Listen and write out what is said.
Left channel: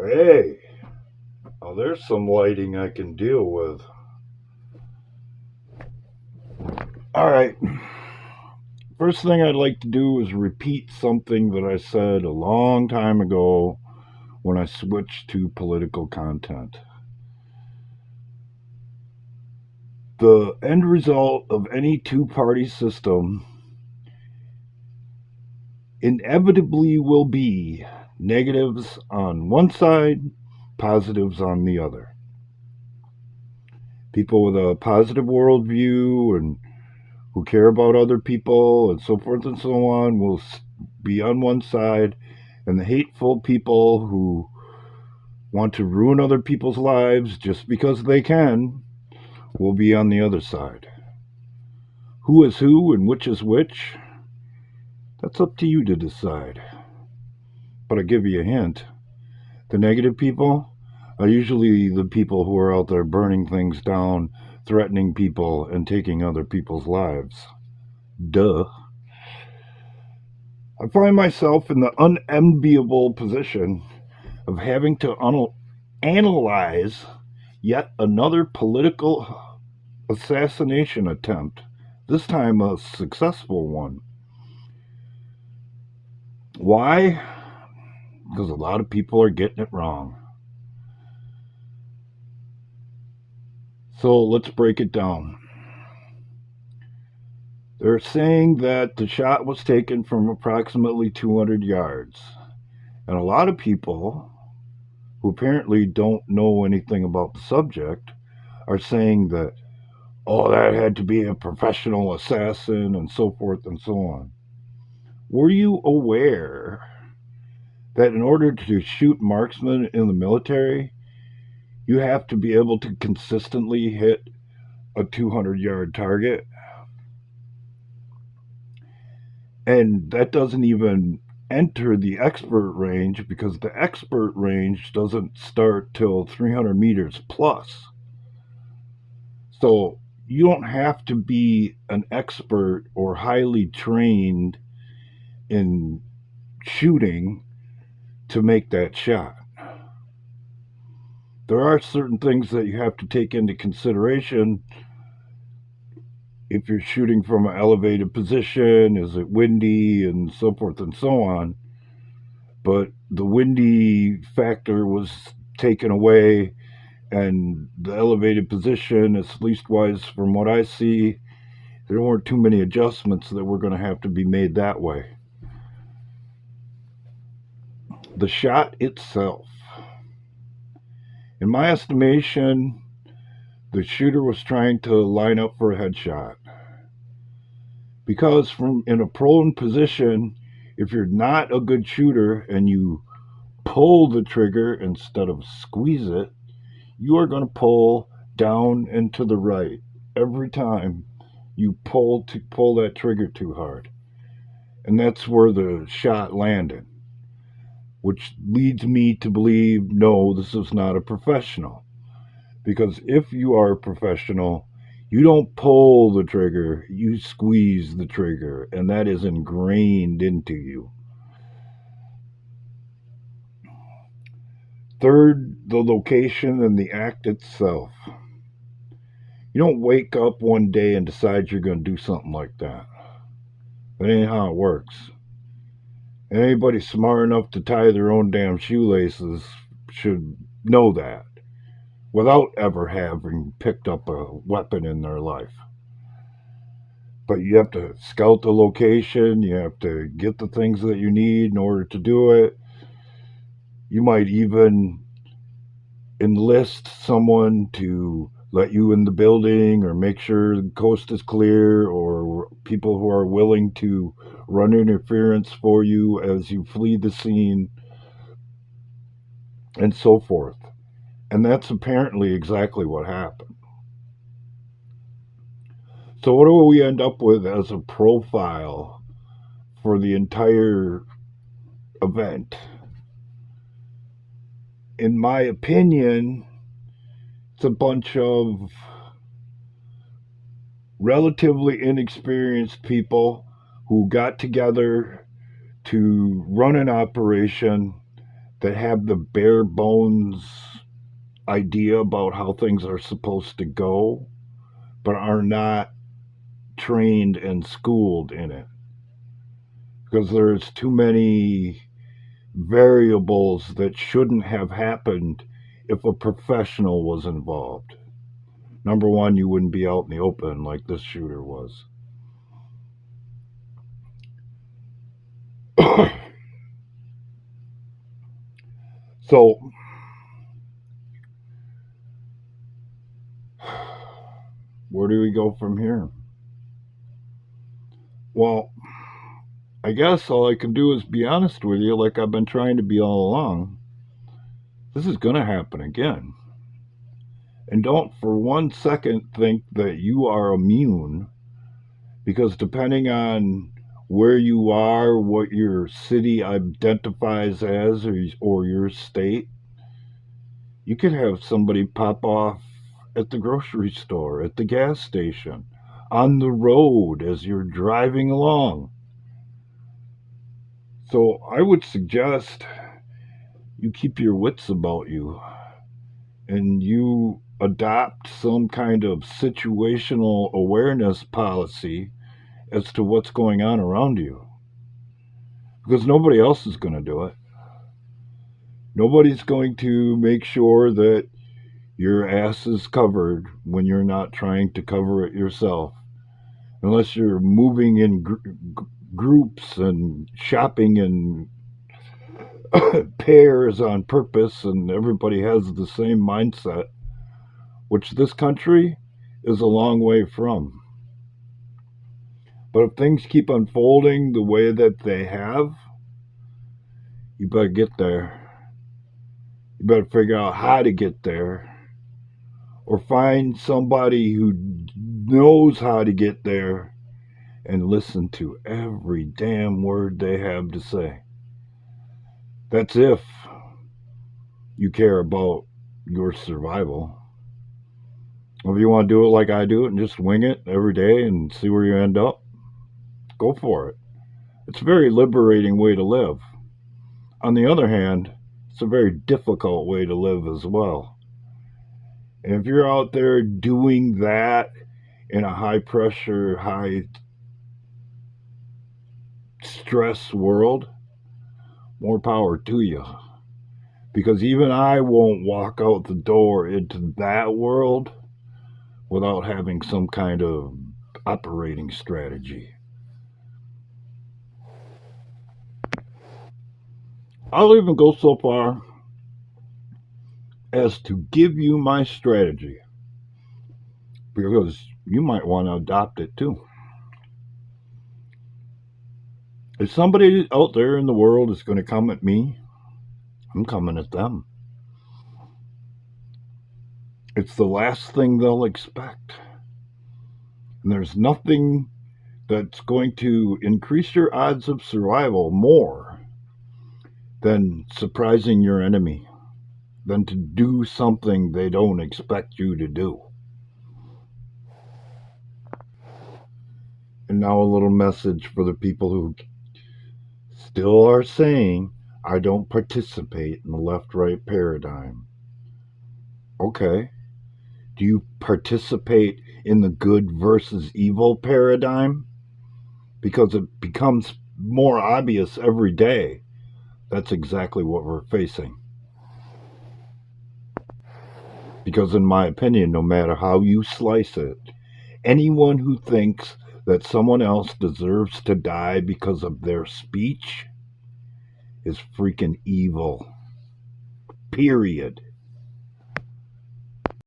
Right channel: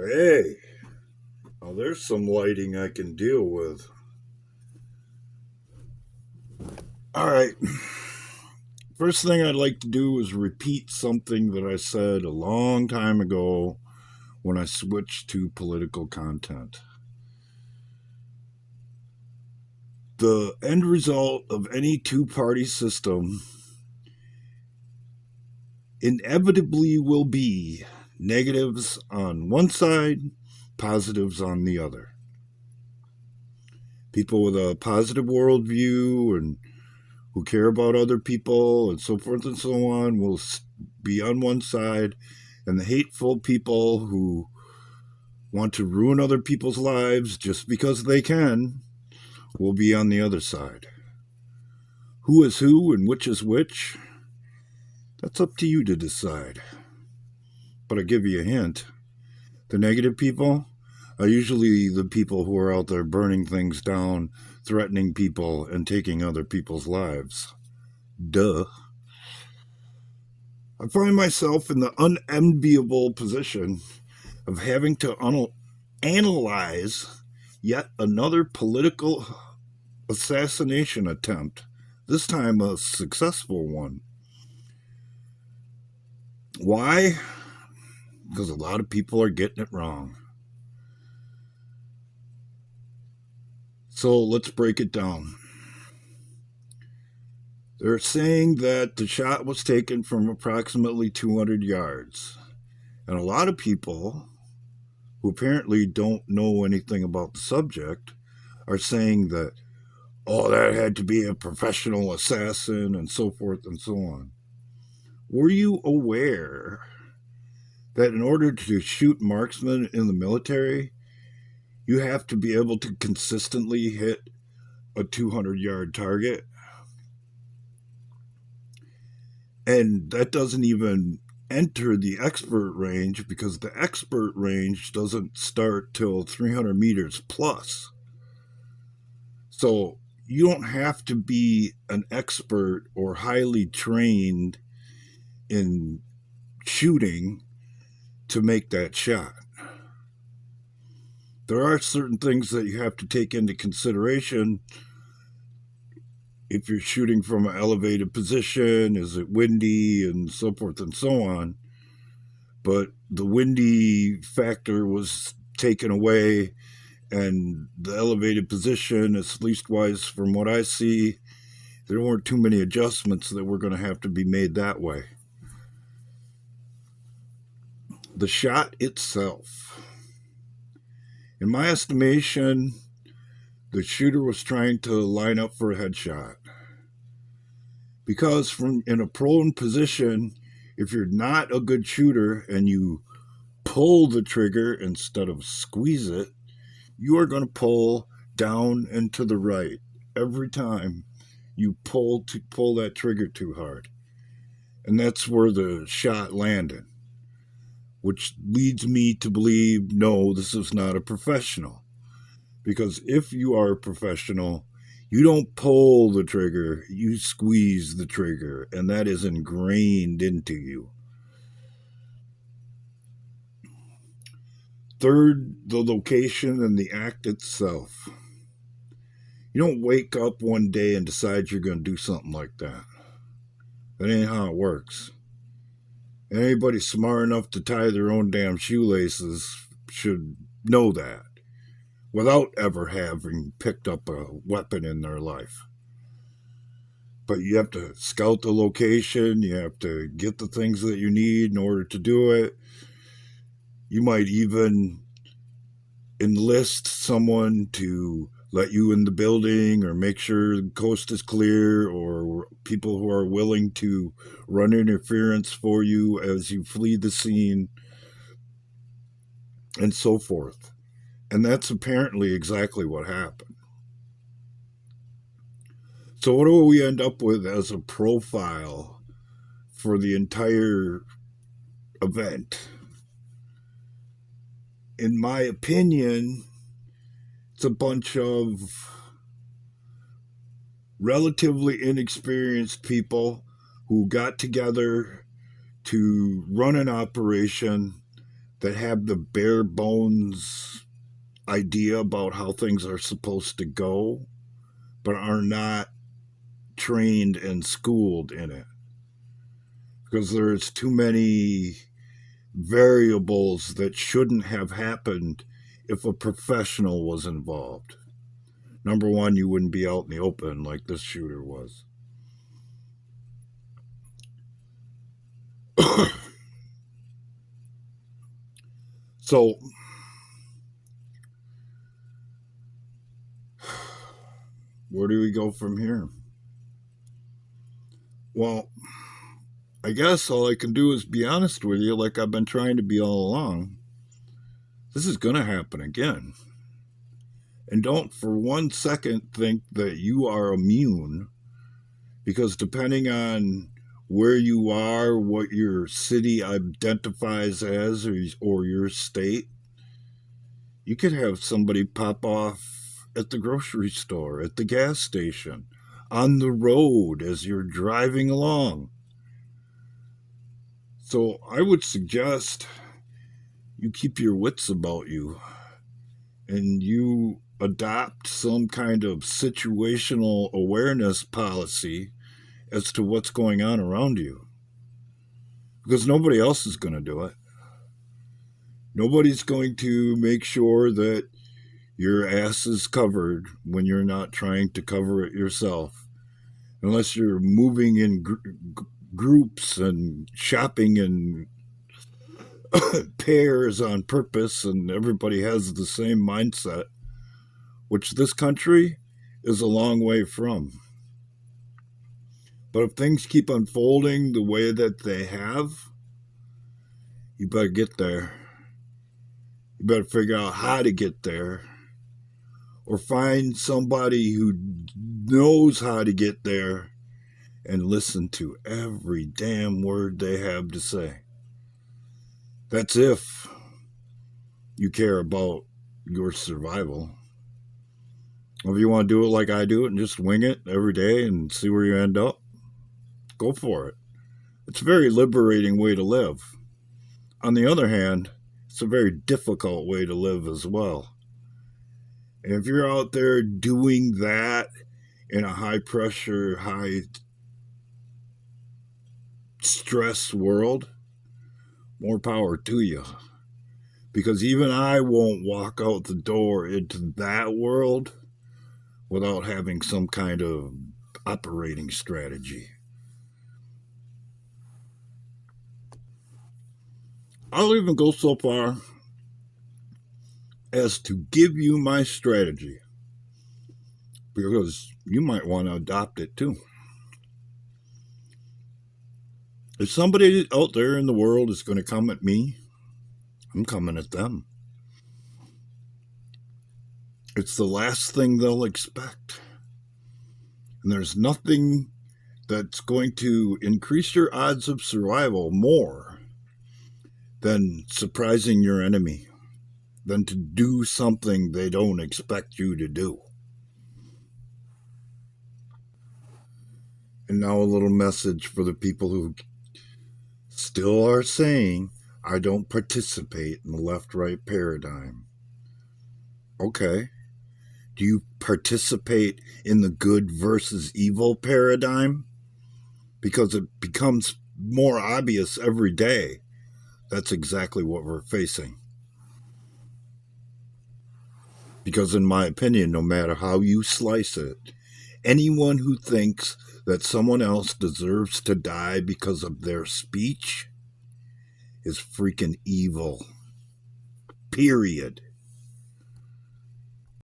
Hey, oh, there's some lighting I can deal with. All right. First thing I'd like to do is repeat something that I said a long time ago when I switched to political content. The end result of any two-party system inevitably will be negatives on one side, positives on the other. People with a positive worldview and who care about other people and so forth and so on will be on one side, and the hateful people who want to ruin other people's lives just because they can will be on the other side. Who is who and which is which? That's up to you to decide. But I'll give you a hint. The negative people are usually the people who are out there burning things down, threatening people, and taking other people's lives. Duh. I find myself in the unenviable position of having to analyze yet another political assassination attempt, this time a successful one. Why? Because a lot of people are getting it wrong. So let's break it down. They're saying that the shot was taken from approximately 200 yards. And a lot of people who apparently don't know anything about the subject are saying that, oh, that had to be a professional assassin and so forth and so on. Were you aware that in order to shoot marksmen in the military, you have to be able to consistently hit a 200-yard target? And that doesn't even enter the expert range because the expert range doesn't start till 300 meters plus. So you don't have to be an expert or highly trained in shooting to make that shot. There are certain things that you have to take into consideration if you're shooting from an elevated position. Is it windy and so forth and so on? But the windy factor was taken away, and the elevated position, at least wise from what I see, there weren't too many adjustments that were going to have to be made that way. The shot itself, in my estimation, the shooter was trying to line up for a headshot. Because from in a prone position, if you're not a good shooter and you pull the trigger instead of squeeze it, you are going to pull down and to the right every time you pull that trigger too hard. And that's where the shot landed, which leads me to believe no, this is not a professional. Because if you are a professional, you don't pull the trigger, you squeeze the trigger, and that is ingrained into you. Third, the location and the act itself. You don't wake up one day and decide you're going to do something like that. That ain't how it works. And anybody smart enough to tie their own damn shoelaces should know that without ever having picked up a weapon in their life. But you have to scout the location, you have to get the things that you need in order to do it. You might even enlist someone to let you in the building or make sure the coast is clear, or people who are willing to run interference for you as you flee the scene, and so forth. And that's apparently exactly what happened. So, what do we end up with as a profile for the entire event? In my opinion, it's a bunch of relatively inexperienced people who got together to run an operation that have the bare bones idea about how things are supposed to go, but are not trained and schooled in it. Because there's too many variables that shouldn't have happened if a professional was involved. Number one, you wouldn't be out in the open like this shooter was. So, where do we go from here? Well, I guess all I can do is be honest with you, like I've been trying to be all along. This is going to happen again. And don't for 1 second think that you are immune, because depending on where you are, what your city identifies as, or your state, you could have somebody pop off at the grocery store, at the gas station, on the road as you're driving along. So I would suggest you keep your wits about you and you adopt some kind of situational awareness policy as to what's going on around you. Because nobody else is going to do it. Nobody's going to make sure that your ass is covered when you're not trying to cover it yourself. Unless you're moving in groups and shopping in pairs on purpose and everybody has the same mindset, which this country is a long way from. But if things keep unfolding the way that they have, you better get there. You better figure out how to get there, or find somebody who knows how to get there and listen to every damn word they have to say. That's if you care about your survival. If you want to do it like I do it and just wing it every day and see where you end up, go for it. It's a very liberating way to live. On the other hand, it's a very difficult way to live as well. And if you're out there doing that in a high pressure, high stress world, more power to you. Because even I won't walk out the door into that world without having some kind of operating strategy. I'll even go so far as to give you my strategy, because you might want to adopt it too. If somebody out there in the world is going to come at me, I'm coming at them. It's the last thing they'll expect. And there's nothing that's going to increase your odds of survival more than surprising your enemy, than to do something they don't expect you to do. And now a little message for the people who still are saying, I don't participate in the left-right paradigm. Okay. Do you participate in the good versus evil paradigm? Because it becomes more obvious every day. That's exactly what we're facing. Because in my opinion, no matter how you slice it, anyone who thinks that someone else deserves to die because of their speech is freaking evil. Period.